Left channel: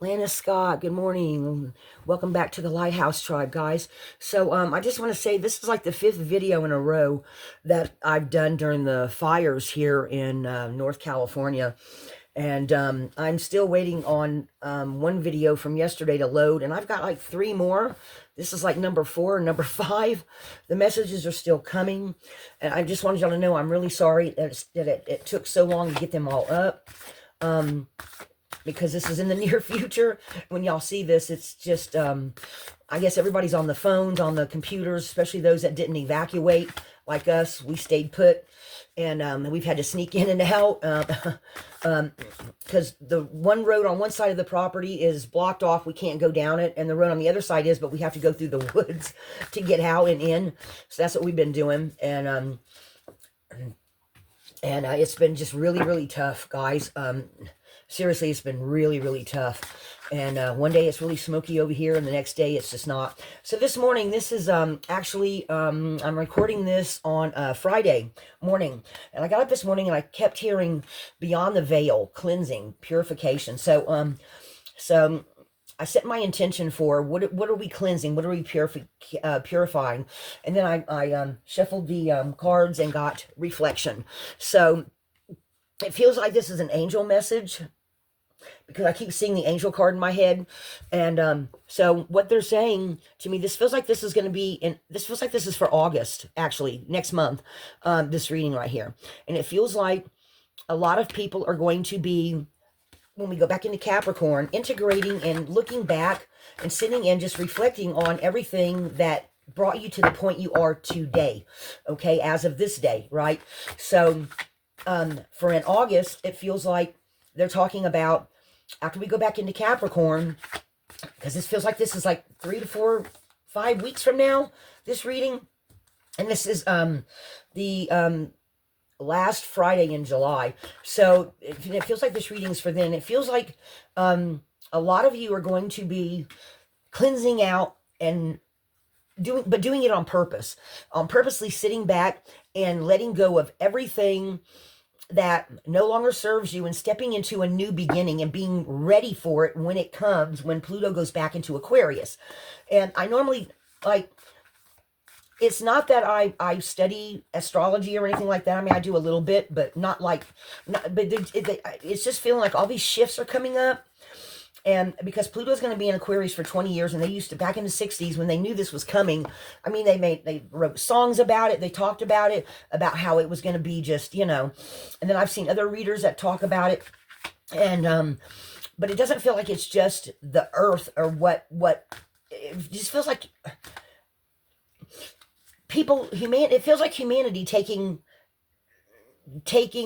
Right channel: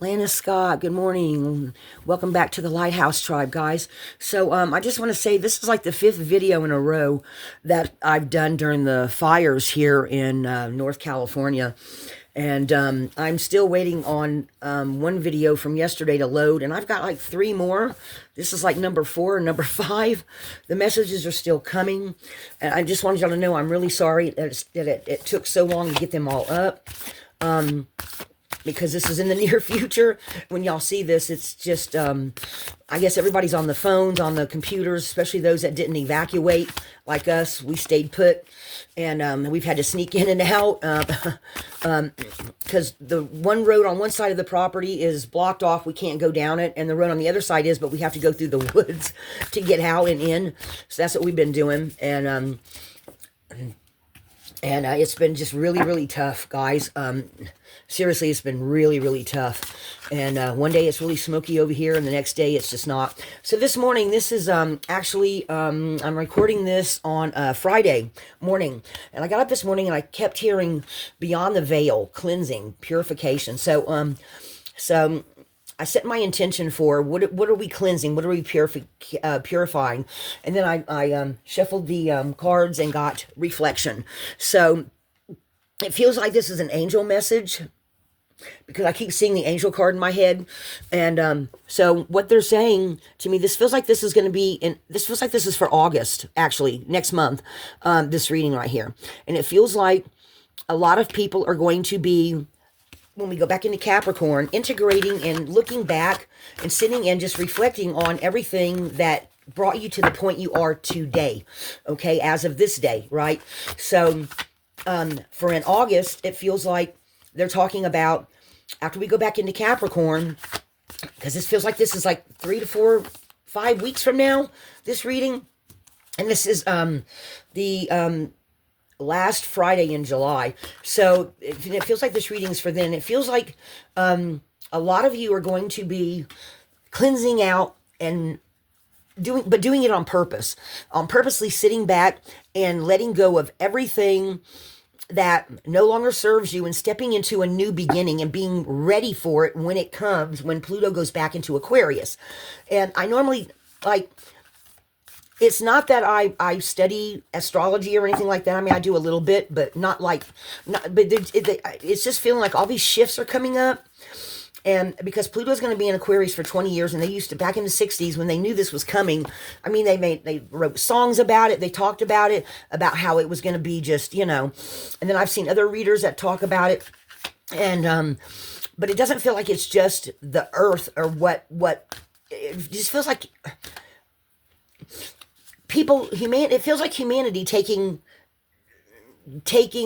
Lana Scott, good morning. Welcome back to the Lighthouse Tribe, guys. So, I just want to say this is like the fifth video in a row that I've done during the fires here in North California. And I'm still waiting on one video from yesterday to load, and I've got like three more. This is like number four and number five. The messages are still coming. And I just wanted y'all to know I'm really sorry that it took so long to get them all up. Because this is in the near future. When y'all see this, it's just, I guess everybody's on the phones, on the computers, especially those that didn't evacuate like us. We stayed put, and we've had to sneak in and out because the one road on one side of the property is blocked off. We can't go down it, and the road on the other side is, but we have to go through the woods to get out and in. So that's what we've been doing, and it's been just really, really tough, guys. Seriously, it's been really, really tough. And one day it's really smoky over here, and the next day it's just not. So this morning, this is actually, I'm recording this on Friday morning. And I got up this morning and I kept hearing Beyond the Veil, cleansing, purification. So I set my intention for what are we cleansing? What are we purifying? And then I shuffled the cards and got reflection. So it feels like this is an angel message because I keep seeing the angel card in my head. And so what they're saying to me, this feels like this is going to be this feels like this is for August, actually, next month, this reading right here. And it feels like a lot of people are going to be, when we go back into Capricorn, integrating and looking back and sitting and just reflecting on everything that brought you to the point you are today, okay, as of this day, right? So for in August, it feels like they're talking about, after we go back into Capricorn, because this feels like this is like 3 to 4, 5 weeks from now, this reading. And this is the last Friday in July. So it feels like this reading is for then. It feels like a lot of you are going to be cleansing out and doing it on purpose, purposely sitting back and letting go of everything that no longer serves you and stepping into a new beginning and being ready for it when it comes, when Pluto goes back into Aquarius. And I normally, like, it's not that I study astrology or anything like that. I mean, I do a little bit, but not like, it's just feeling like all these shifts are coming up. And because Pluto's going to be in Aquarius for 20 years, and they used to, back in the 60s, when they knew this was coming, I mean, they wrote songs about it. They talked about it, about how it was going to be just, and then I've seen other readers that talk about it. And, but it doesn't feel like it's just the earth or what, it just feels like it feels like humanity taking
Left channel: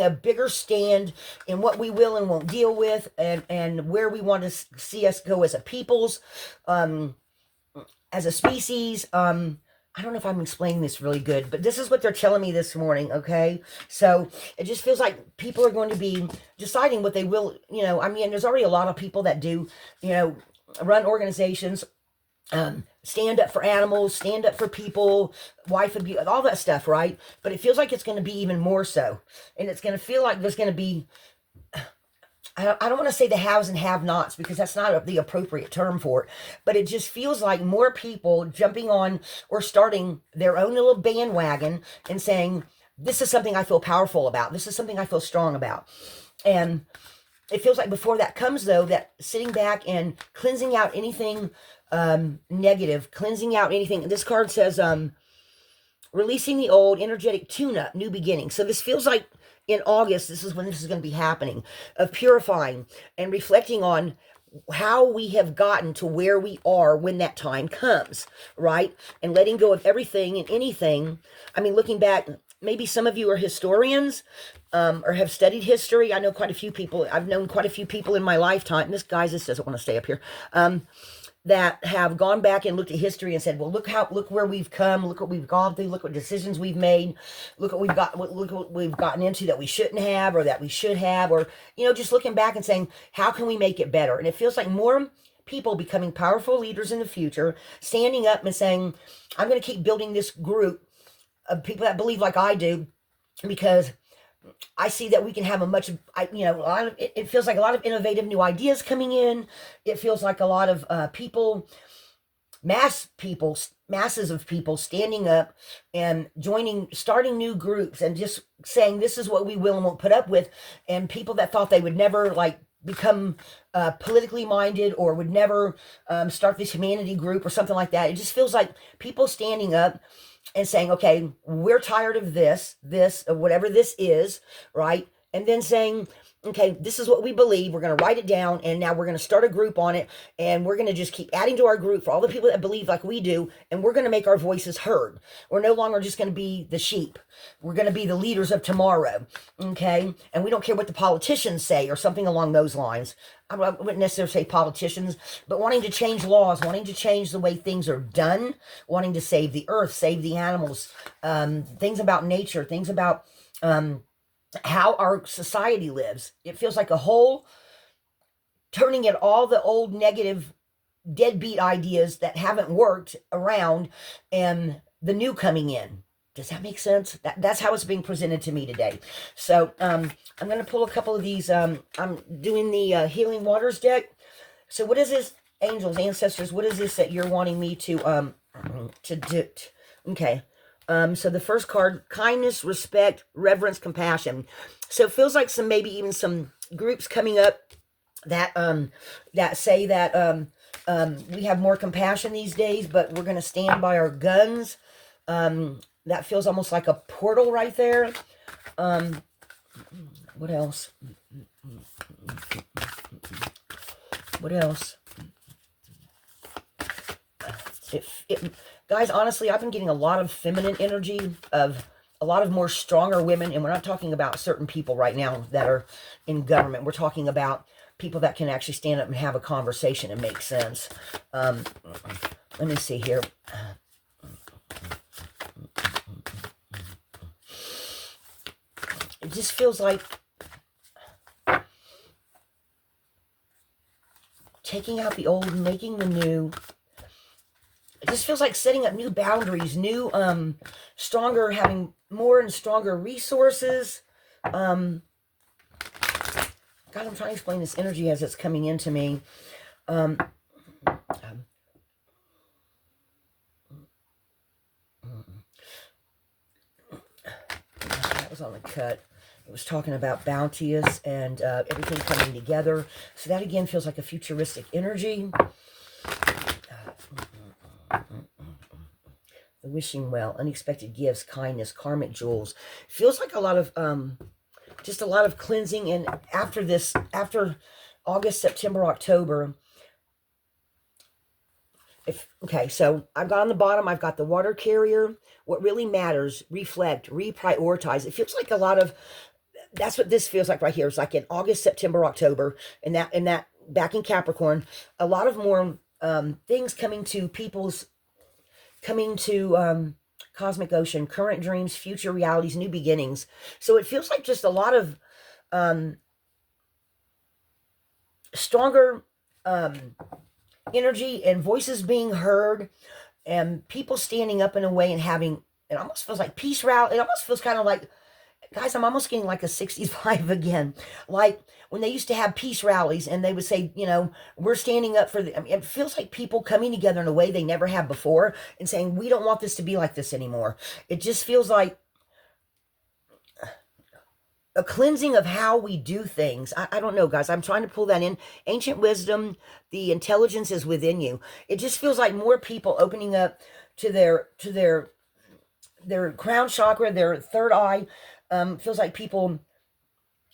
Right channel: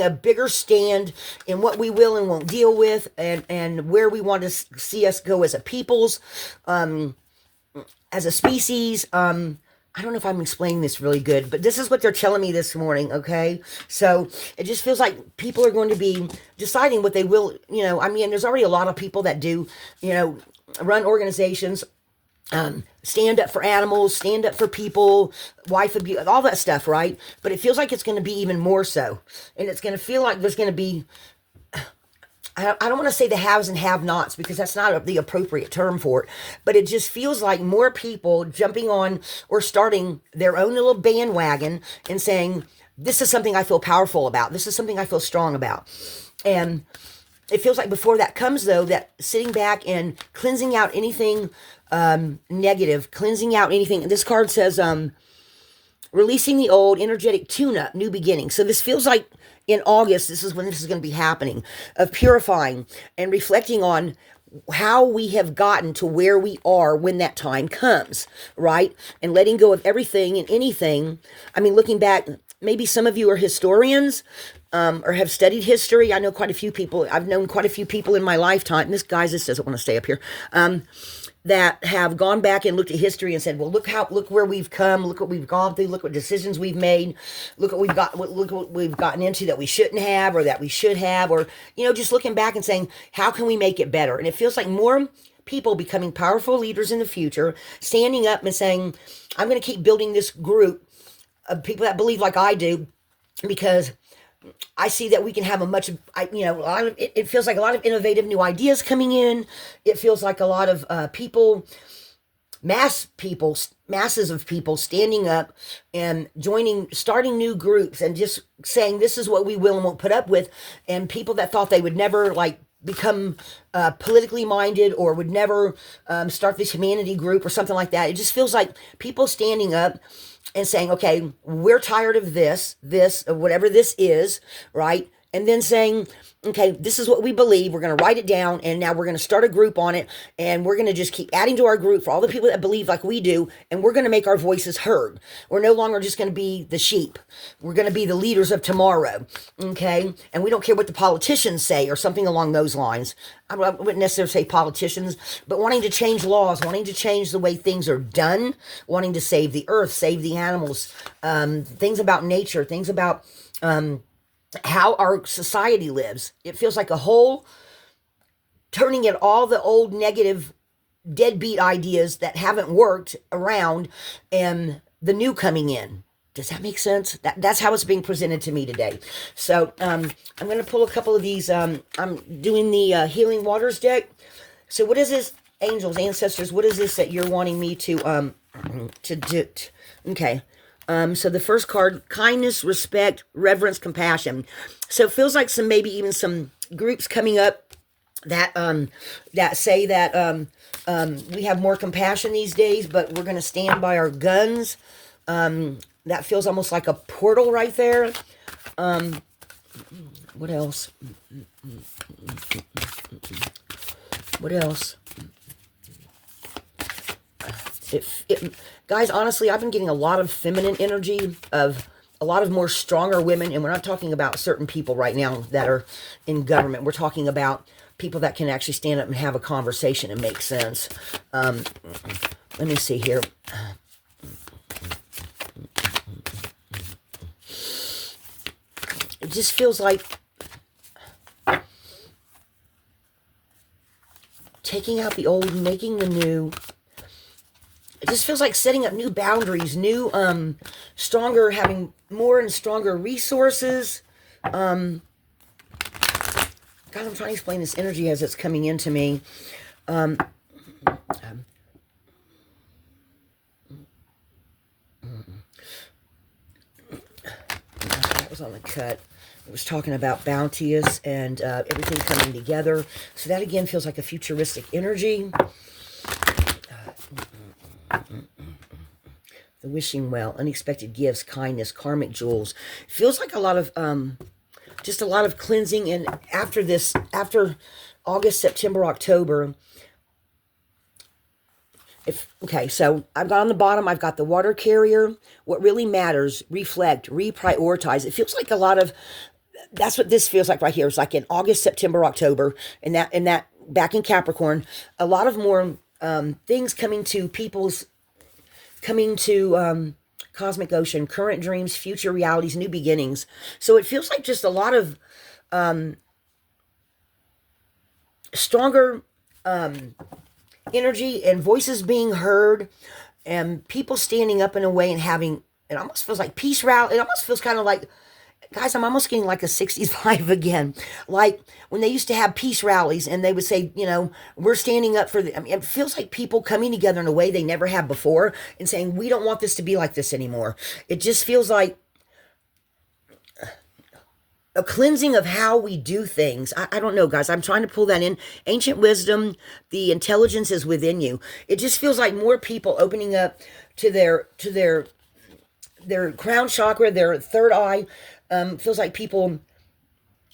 a bigger stand in what we will and won't deal with, and where we want to see us go as a peoples, as a species. I don't know if I'm explaining this really good, but this is what they're telling me this morning, okay? So it just feels like people are going to be deciding what they will, I mean, there's already a lot of people that do, run organizations, stand up for animals, stand up for people, wife abuse, all that stuff, right? But it feels like it's going to be even more so. And it's going to feel like there's going to be, I don't want to say the haves and have-nots, because that's not the appropriate term for it, but it just feels like more people jumping on or starting their own little bandwagon and saying, this is something I feel powerful about. This is something I feel strong about. And it feels like before that comes, though, that sitting back and cleansing out anything negative, cleansing out anything. This card says, releasing the old, energetic tune-up, new beginning. So this feels like in August, this is when this is going to be happening, of purifying and reflecting on how we have gotten to where we are when that time comes, right? And letting go of everything and anything. I mean, looking back, maybe some of you are historians, or have studied history. I know quite a few people. I've known quite a few people in my lifetime. This doesn't want to stay up here. That have gone back and looked at history and said, well, look where we've come, look what we've gone through, look what decisions we've made, look what we've gotten into that we shouldn't have, or that we should have, or, just looking back and saying, how can we make it better? And it feels like more people becoming powerful leaders in the future, standing up and saying, I'm going to keep building this group of people that believe like I do, because I see that we can have a much, you know, a lot of, it feels like a lot of innovative new ideas coming in. It feels like a lot of people, masses of people standing up and joining, starting new groups and just saying, this is what we will and won't put up with. And people that thought they would never like become politically minded or would never start this humanity group or something like that. It just feels like people standing up and saying, okay, we're tired of whatever this is, right? And then saying, okay, this is what we believe. We're going to write it down, and now we're going to start a group on it, and we're going to just keep adding to our group for all the people that believe like we do, and we're going to make our voices heard. We're no longer just going to be the sheep. We're going to be the leaders of tomorrow, okay? And we don't care what the politicians say or something along those lines. I wouldn't necessarily say politicians, but wanting to change laws, wanting to change the way things are done, wanting to save the earth, save the animals, things about nature, things about how our society lives. It feels like a whole turning at all the old negative deadbeat ideas that haven't worked around and the new coming in. Does that make sense? That's how it's being presented to me today. So I'm going to pull a couple of these. I'm doing the Healing Waters deck. So what is this, angels, ancestors? What is this that you're wanting me to do? Okay. So the first card, kindness, respect, reverence, compassion. So it feels like maybe even some groups coming up that that say that we have more compassion these days, but we're going to stand by our guns. That feels almost like a portal right there. What else? What else? Guys, honestly, I've been getting a lot of feminine energy of a lot of more stronger women, and we're not talking about certain people right now that are in government. We're talking about people that can actually stand up and have a conversation and make sense. Let me see here. It just feels like taking out the old, making the new. It just feels like setting up new boundaries, new, stronger, having more and stronger resources. God, I'm trying to explain this energy as it's coming into me. That was on the cut. It was talking about bounteous and everything coming together. So that again feels like a futuristic energy. The wishing well, unexpected gifts, kindness, karmic jewels. Feels like a lot of just a lot of cleansing. And after August, September, October, okay, so I've got on the bottom, I've got the water carrier. What really matters, reflect, reprioritize. It feels like a lot of, that's what this feels like right here. It's like in August, September, October, and that back in Capricorn, a lot of more things coming to cosmic ocean, current dreams, future realities, new beginnings. So it feels like just a lot of stronger energy and voices being heard and people standing up in a way and having, it almost feels like peace rally. It almost feels kind of like, guys, I'm almost getting like a 60s vibe again. Like when they used to have peace rallies and they would say, you know, we're standing up for the, I mean, it feels like people coming together in a way they never have before and saying, we don't want this to be like this anymore. It just feels like a cleansing of how we do things. I don't know, guys. I'm trying to pull that in. Ancient wisdom, the intelligence is within you. It just feels like more people opening up to their crown chakra, their third eye. Feels like people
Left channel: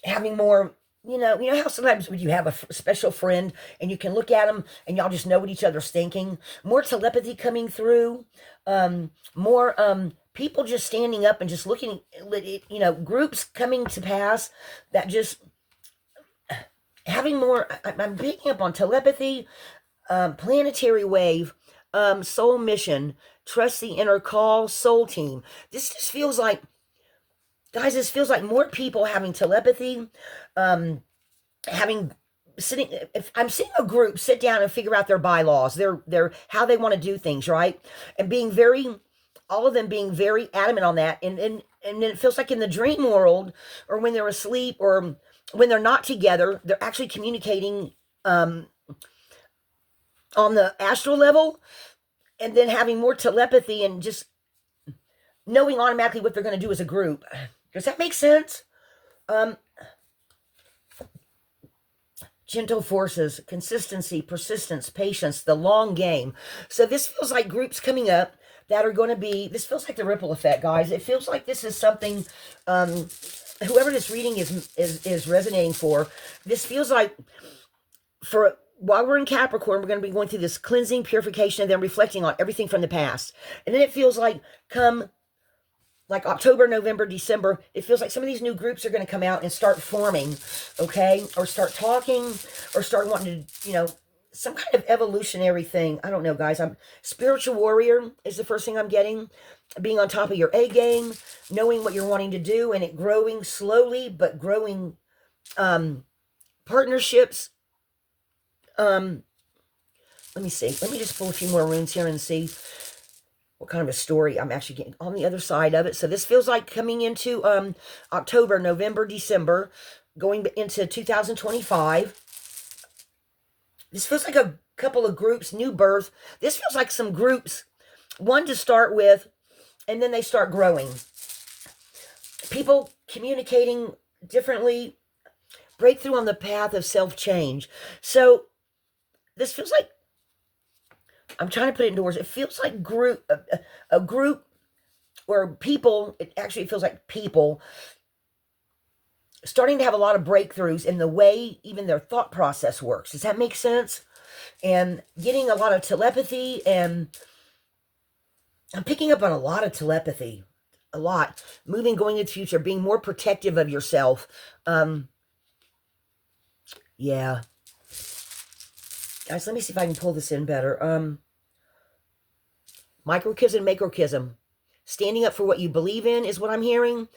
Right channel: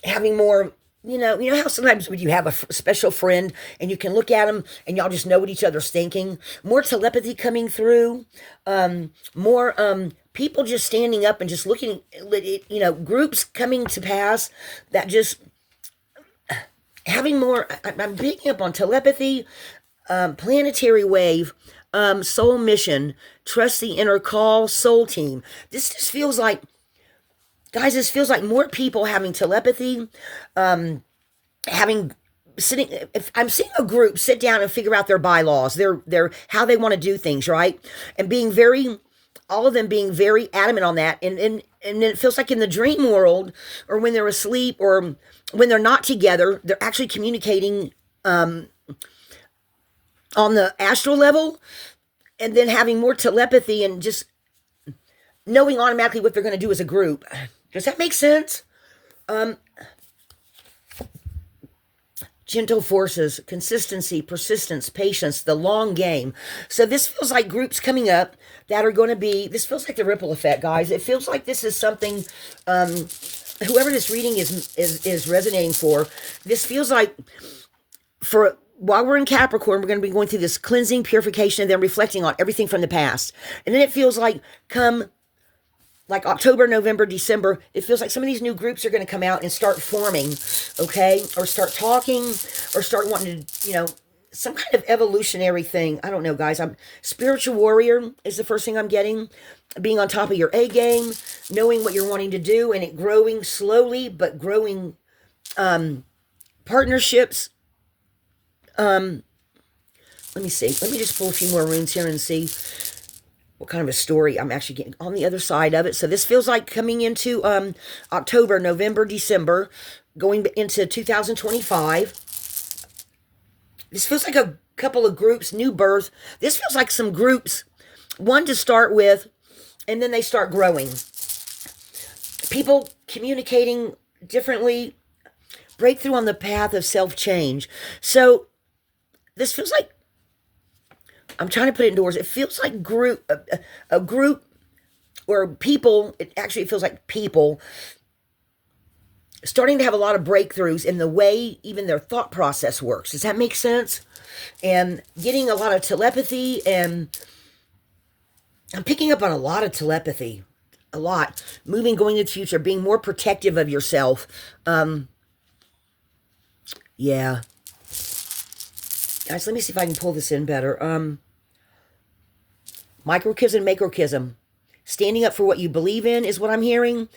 having more, you know how sometimes when you have a special friend and you can look at them and y'all just know what each other's thinking. More telepathy coming through. More people just standing up and just looking, groups coming to pass that just having more. I'm picking up on telepathy, planetary wave, soul mission, trust the inner call, soul team. This just feels like, guys, this feels like more people having telepathy, if I'm seeing a group sit down and figure out their bylaws, their how they want to do things, right? And being all of them being very adamant on that. And and then it feels like in the dream world, or when they're asleep, or when they're not together, they're actually communicating on the astral level, and then having more telepathy and just knowing automatically what they're going to do as a group. Does that make sense? Um, Gentle forces, consistency, persistence, patience, the long game. So this feels like groups coming up that are going to be, this feels like the ripple effect, guys. It feels like this is something, whoever this reading is resonating for, this feels like for, while we're in Capricorn, we're going to be going through this cleansing, purification, and then reflecting on everything from the past. And then it feels like come like October, November, December, it feels like some of these new groups are going to come out and start forming, okay? Or start talking, or start wanting to, some kind of evolutionary thing. I don't know, guys. Spiritual warrior is the first thing I'm getting. Being on top of your A game, knowing what you're wanting to do, and it growing slowly, but growing partnerships. Let me see. Let me just pull a few more runes here and see what kind of a story I'm actually getting on the other side of it. So this feels like coming into October, November, December, going into 2025. This feels like a couple of groups, new birth. This feels like some groups, one to start with, and then they start growing. People communicating differently, breakthrough on the path of self-change. So this feels like, I'm trying to put it into words. It feels like a group or people, it feels like people starting to have a lot of breakthroughs in the way even their thought process works. Does that make sense? And getting a lot of telepathy, and I'm picking up on a lot of telepathy, a lot. Moving, going into the future, being more protective of yourself. Yeah. Guys, let me see if I can pull this in better. Microchism, macrochism. Standing up for what you believe in is what I'm hearing.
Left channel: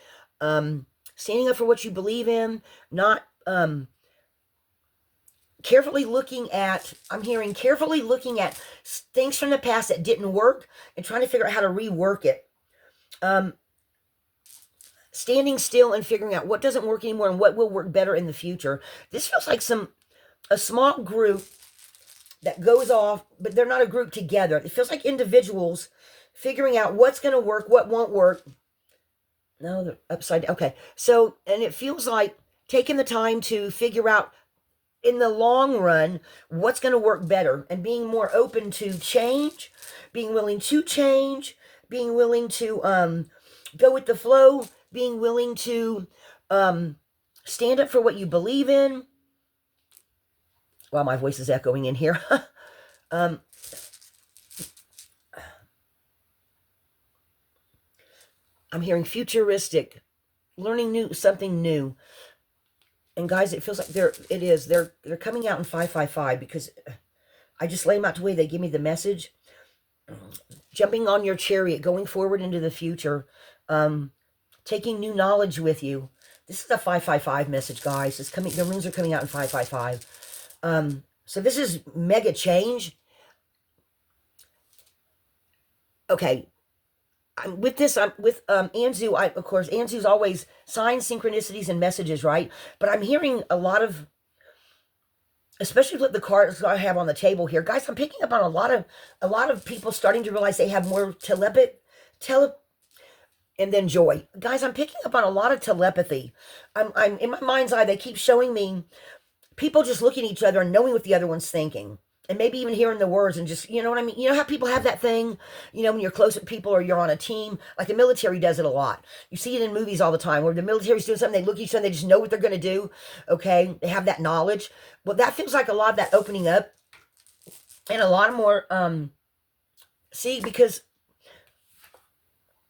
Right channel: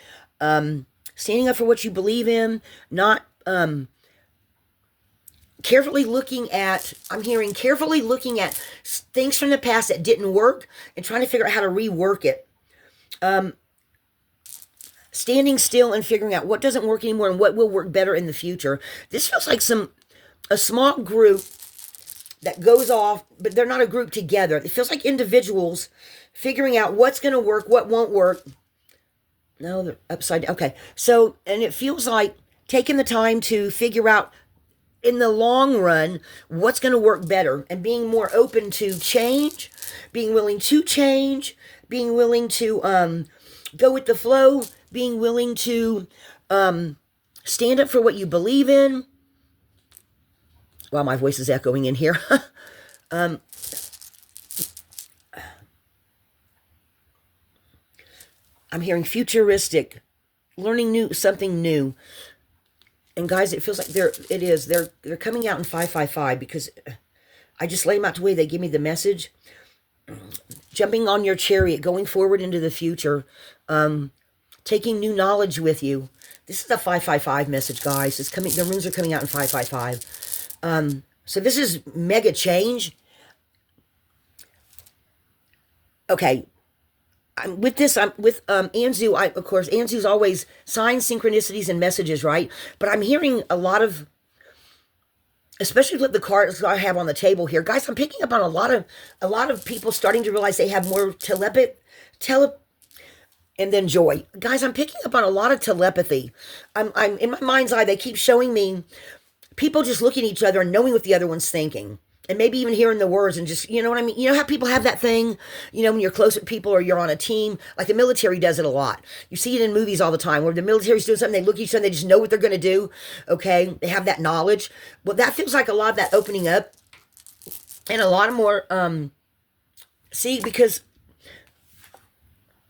Standing up for what you believe in, not carefully looking at, I'm hearing carefully looking at things from the past that didn't work and trying to figure out how to rework it. Standing still and figuring out what doesn't work anymore and what will work better in the future. This feels like a small group that goes off, but they're not a group together. It feels like individuals figuring out what's going to work, what won't work. No, they're upside down. Okay. So, and it feels like taking the time to figure out in the long run what's going to work better, and being more open to change, being willing to change, being willing to go with the flow, being willing to stand up for what you believe in. Wow, my voice is echoing in here. I'm hearing futuristic, learning something new. And guys, it feels like they're coming out in 555, because I just lay them out the way they give me the message. Jumping on your chariot, going forward into the future, taking new knowledge with you. This is a 555 message, guys. It's coming. The runes are coming out in 555. So this is mega change. Okay. I'm with Anzu. Of course, Anzu's always signs, synchronicities, and messages, right? But I'm hearing a lot of, especially with the cards I have on the table here, guys. I'm picking up on a lot of people starting to realize they have more and then joy. Guys, I'm picking up on a lot of telepathy. I'm in my mind's eye. They keep showing me people just looking at each other and knowing what the other one's thinking. And maybe even hearing the words and just, you know what I mean? You know how people have that thing, when you're close with people or you're on a team, like the military does it a lot. You see it in movies all the time where the military's doing something, they look at each other, they just know what they're going to do. Okay. They have that knowledge. Well, that feels like a lot of that opening up, and a lot of more, because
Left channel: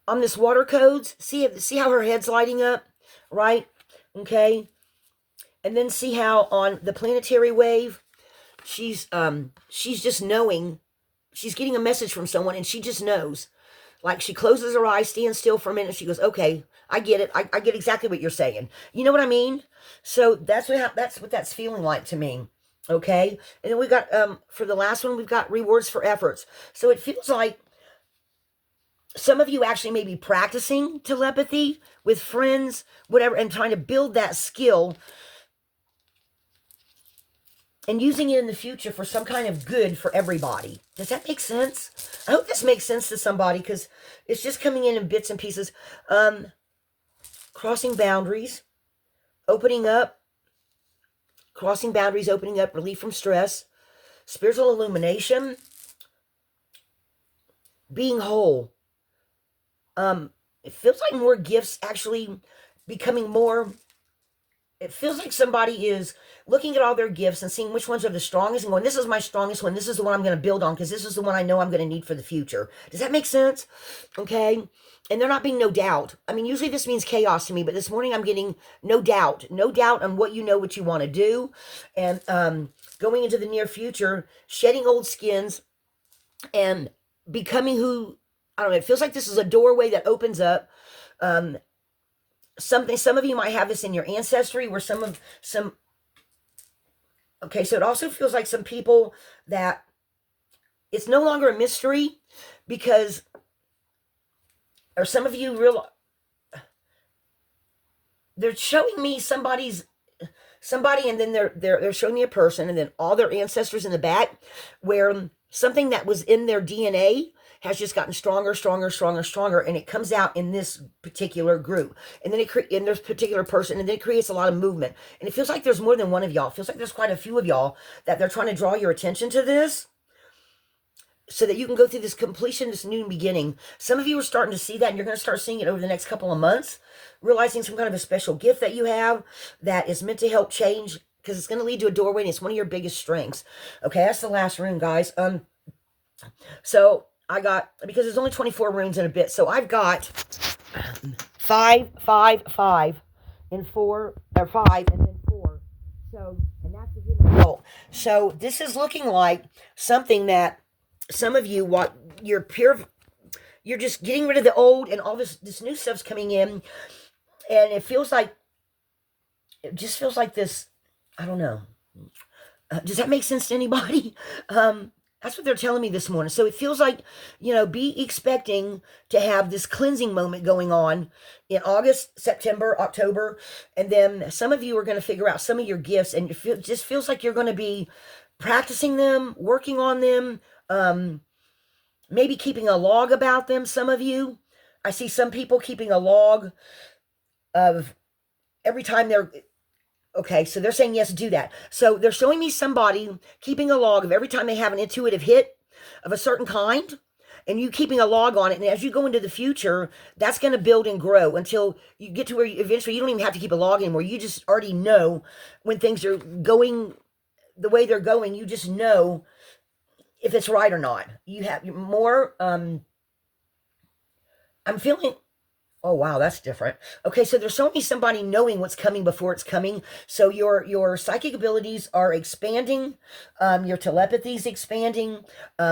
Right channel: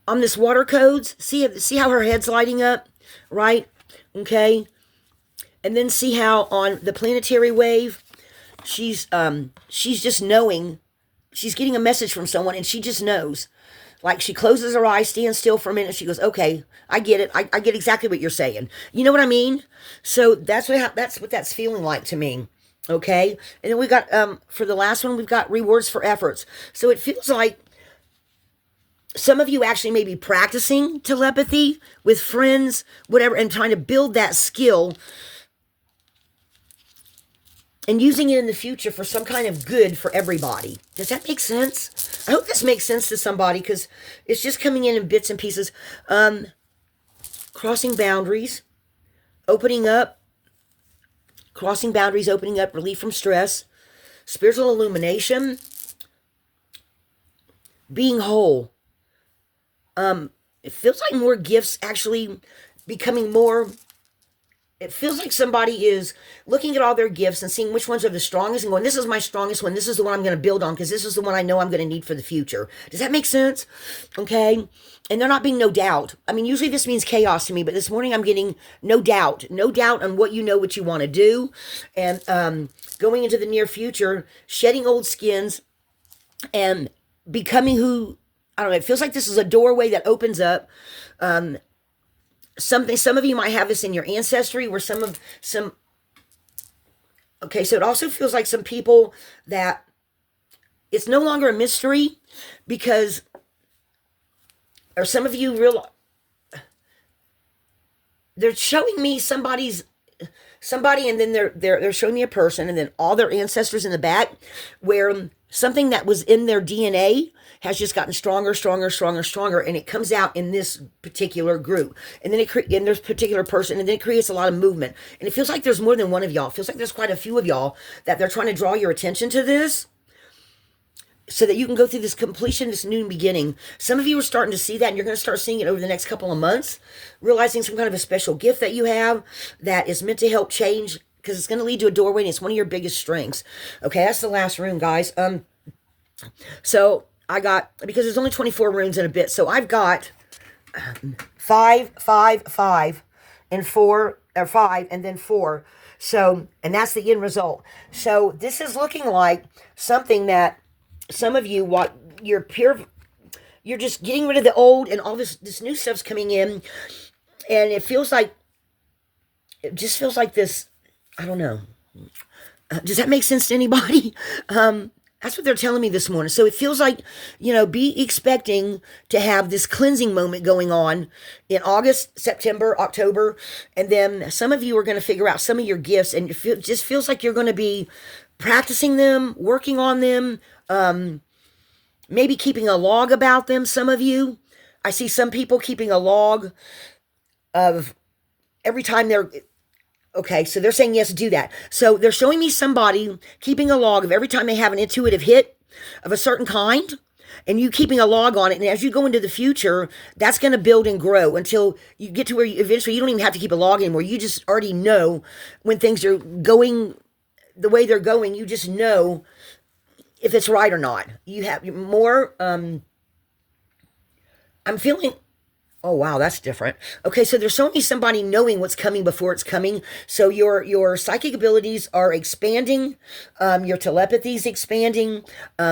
on this water codes, see how her head's lighting up, right? Okay. And then see how on the planetary wave, she's just knowing, she's getting a message from someone, and she just knows. Like, she closes her eyes, stands still for a minute, she goes, okay, I get it. I get exactly what you're saying. You know what I mean? So that's what that's feeling like to me. Okay. And then we got, for the last one, we've got rewards for efforts. So it feels like some of you actually may be practicing telepathy with friends, whatever, and trying to build that skill and using it in the future for some kind of good for everybody. Does that make sense? I hope this makes sense to somebody, because it's just coming in bits and pieces. Crossing boundaries, opening up, crossing boundaries, opening up, relief from stress, spiritual illumination, being whole. It feels like more gifts actually becoming more. It feels like somebody is looking at all their gifts and seeing which ones are the strongest and going, this is my strongest one. This is the one I'm going to build on, because this is the one I know I'm going to need for the future. Does that make sense? Okay. And there not being no doubt. I mean, usually this means chaos to me, but this morning I'm getting no doubt on what you know, what you want to do. And going into the near future, shedding old skins and becoming who, I don't know, it feels like this is a doorway that opens up. Some of you might have this in your ancestry, where okay, so it also feels like some people that it's no longer a mystery, because, or some of you they're showing me somebody, and then they're showing me a person, and then all their ancestors in the back, where something that was in their DNA has just gotten stronger, and it comes out in this particular group, and then in this particular person, and then it creates a lot of movement, and it feels like there's more than one of y'all. It feels like there's quite a few of y'all that they're trying to draw your attention to this, so that you can go through this completion, this new beginning. Some of you are starting to see that, and you're going to start seeing it over the next couple of months, realizing some kind of a special gift that you have that is meant to help change, because it's going to lead to a doorway, and it's one of your biggest strengths. Okay, that's the last room, guys. So I got, because there's only 24 rooms in a bit, so I've got 5, 5, 5, and 4, or 5, and then 4. So, and that's the end result. So this is looking like something that some of you, you're just getting rid of the old, and all this new stuff's coming in, and it just feels like this, I don't know. Does that make sense to anybody? That's what they're telling me this morning. So it feels like, be expecting to have this cleansing moment going on in August, September, October. And then some of you are going to figure out some of your gifts, and it just feels like you're going to be practicing them, working on them, maybe keeping a log about them. Some of you, I see some people keeping a log of every time okay, so they're saying yes, do that. So they're showing me somebody keeping a log of every time they have an intuitive hit of a certain kind, and you keeping a log on it. And as you go into the future, that's going to build and grow until you get to where eventually you don't even have to keep a log anymore. You just already know when things are going the way they're going. You just know if it's right or not. You have more, I'm feeling, oh, wow, that's different. Okay, so there's showing me somebody knowing what's coming before it's coming. So your psychic abilities are expanding. Your telepathy is expanding.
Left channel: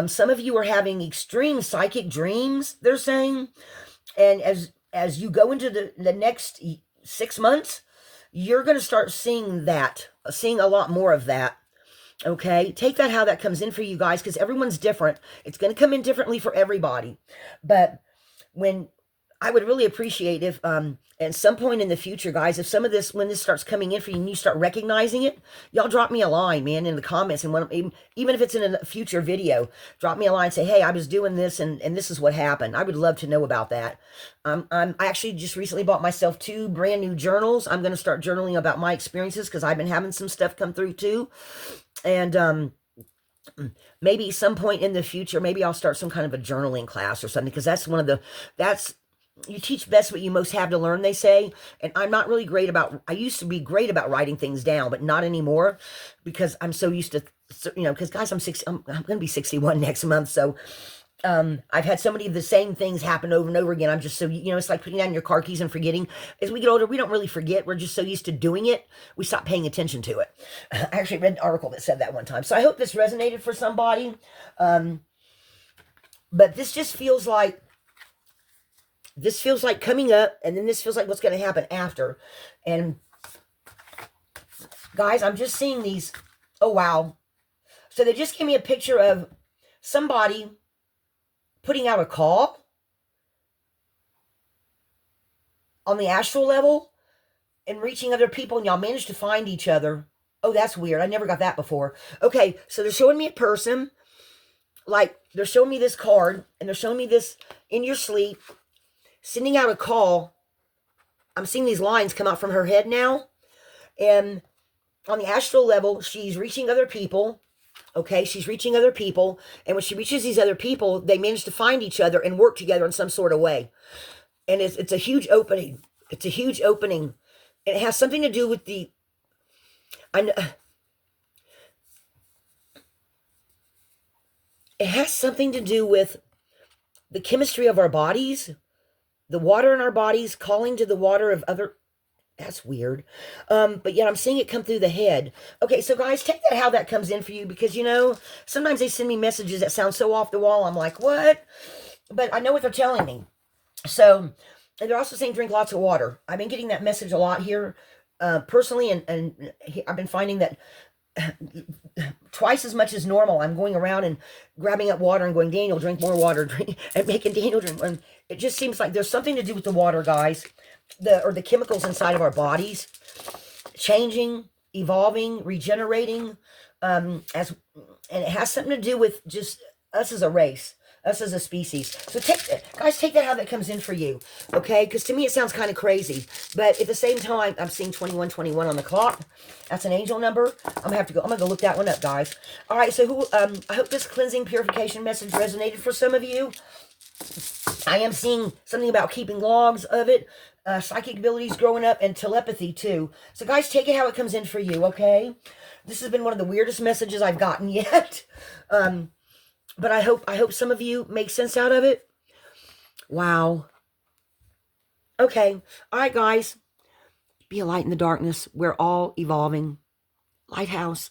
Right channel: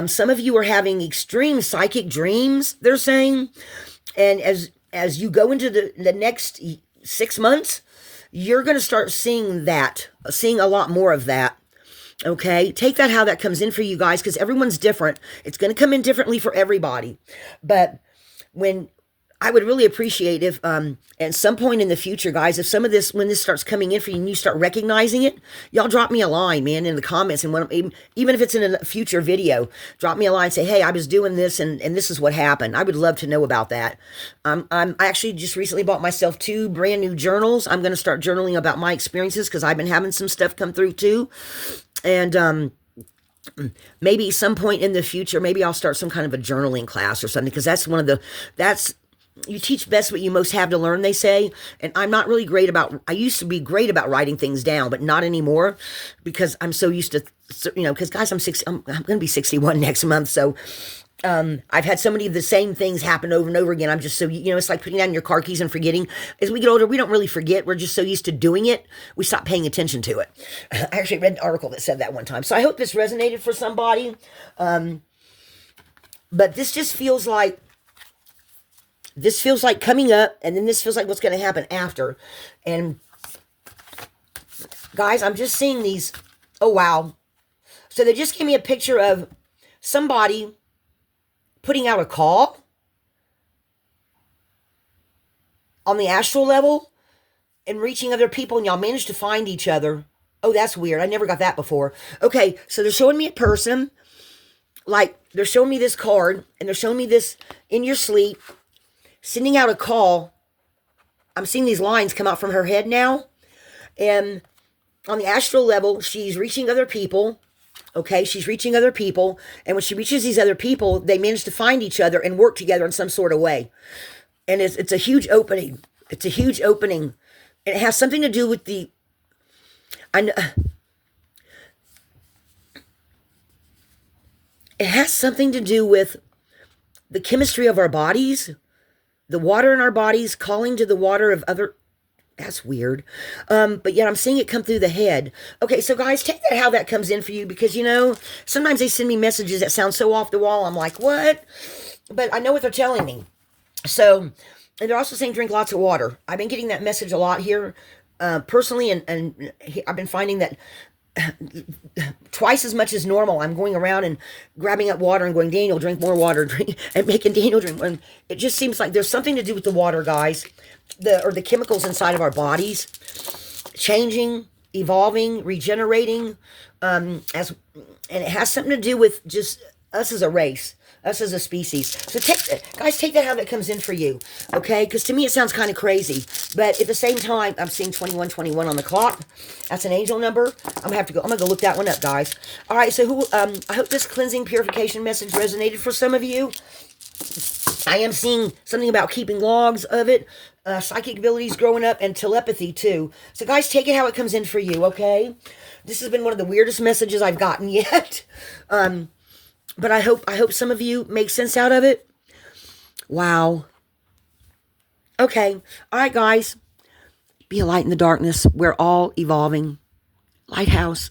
Some of you are having extreme psychic dreams, they're saying. And as you go into the next 6 months, you're going to start seeing a lot more of that. Okay, take that how that comes in for you guys, because everyone's different. It's going to come in differently for everybody. But I would really appreciate if, at some point in the future, guys, if some of this, when this starts coming in for you and you start recognizing it, y'all drop me a line, man, in the comments. And even if it's in a future video, drop me a line, say, hey, I was doing this and this is what happened. I would love to know about that. I actually just recently bought myself 2 brand new journals. I'm going to start journaling about my experiences, because I've been having some stuff come through too. And, maybe some point in the future, maybe I'll start some kind of a journaling class or something, because that's you teach best what you most have to learn, they say. And I'm not really I used to be great about writing things down, but not anymore, because I'm so used to, because guys, I'm going to be 61 next month. So, I've had so many of the same things happen over and over again. I'm just so, it's like putting down your car keys and forgetting. As we get older, we don't really forget. We're just so used to doing it, we stop paying attention to it. I actually read an article that said that one time. So I hope this resonated for somebody. But this just feels like, coming up, and then this feels like what's going to happen after. And guys, I'm just seeing these. Oh, wow. So they just gave me a picture of somebody putting out a call. on the astral level and reaching other people, and y'all managed to find each other. Oh, that's weird. I never got that before. Okay, so they're showing me a person, like they're showing me this card, and they're showing me this in your sleep, sending out a call. I'm seeing these lines come out from her head now. And on the astral level, she's reaching other people. Okay, she's reaching other people. And when she reaches these other people, they manage to find each other and work together in some sort of way. And it's a huge opening. It's a huge opening. And it has something to do with the... it has something to do with the chemistry of our bodies, the water in our bodies calling to the water of other... That's weird. But yet I'm seeing it come through the head. Okay, so guys, take that how that comes in for you, because, you know, sometimes they send me messages that sound so off the wall. I'm like, what? But I know what they're telling me. So, and they're also saying drink lots of water. I've been getting that message a lot here, personally, and I've been finding that twice as much as normal, I'm going around and grabbing up water and going, Daniel, drink more water, drink, and making Daniel drink. And it just seems like there's something to do with the water, guys, the chemicals inside of our bodies, changing, evolving, regenerating, and it has something to do with just us as a race, us as a species. So guys, take that how that comes in for you, okay? Because to me, it sounds kind of crazy. But at the same time, I'm seeing 2121 on the clock. That's an angel number. I'm gonna go look that one up, guys. All right, so I hope this cleansing purification message resonated for some of you. I am seeing something about keeping logs of it, psychic abilities growing up, and telepathy too. So guys, take it how it comes in for you, okay? This has been one of the weirdest messages I've gotten yet. But I hope some of you make sense out of it. Wow. Okay. All right, guys. Be a light in the darkness. We're all evolving. Lighthouse.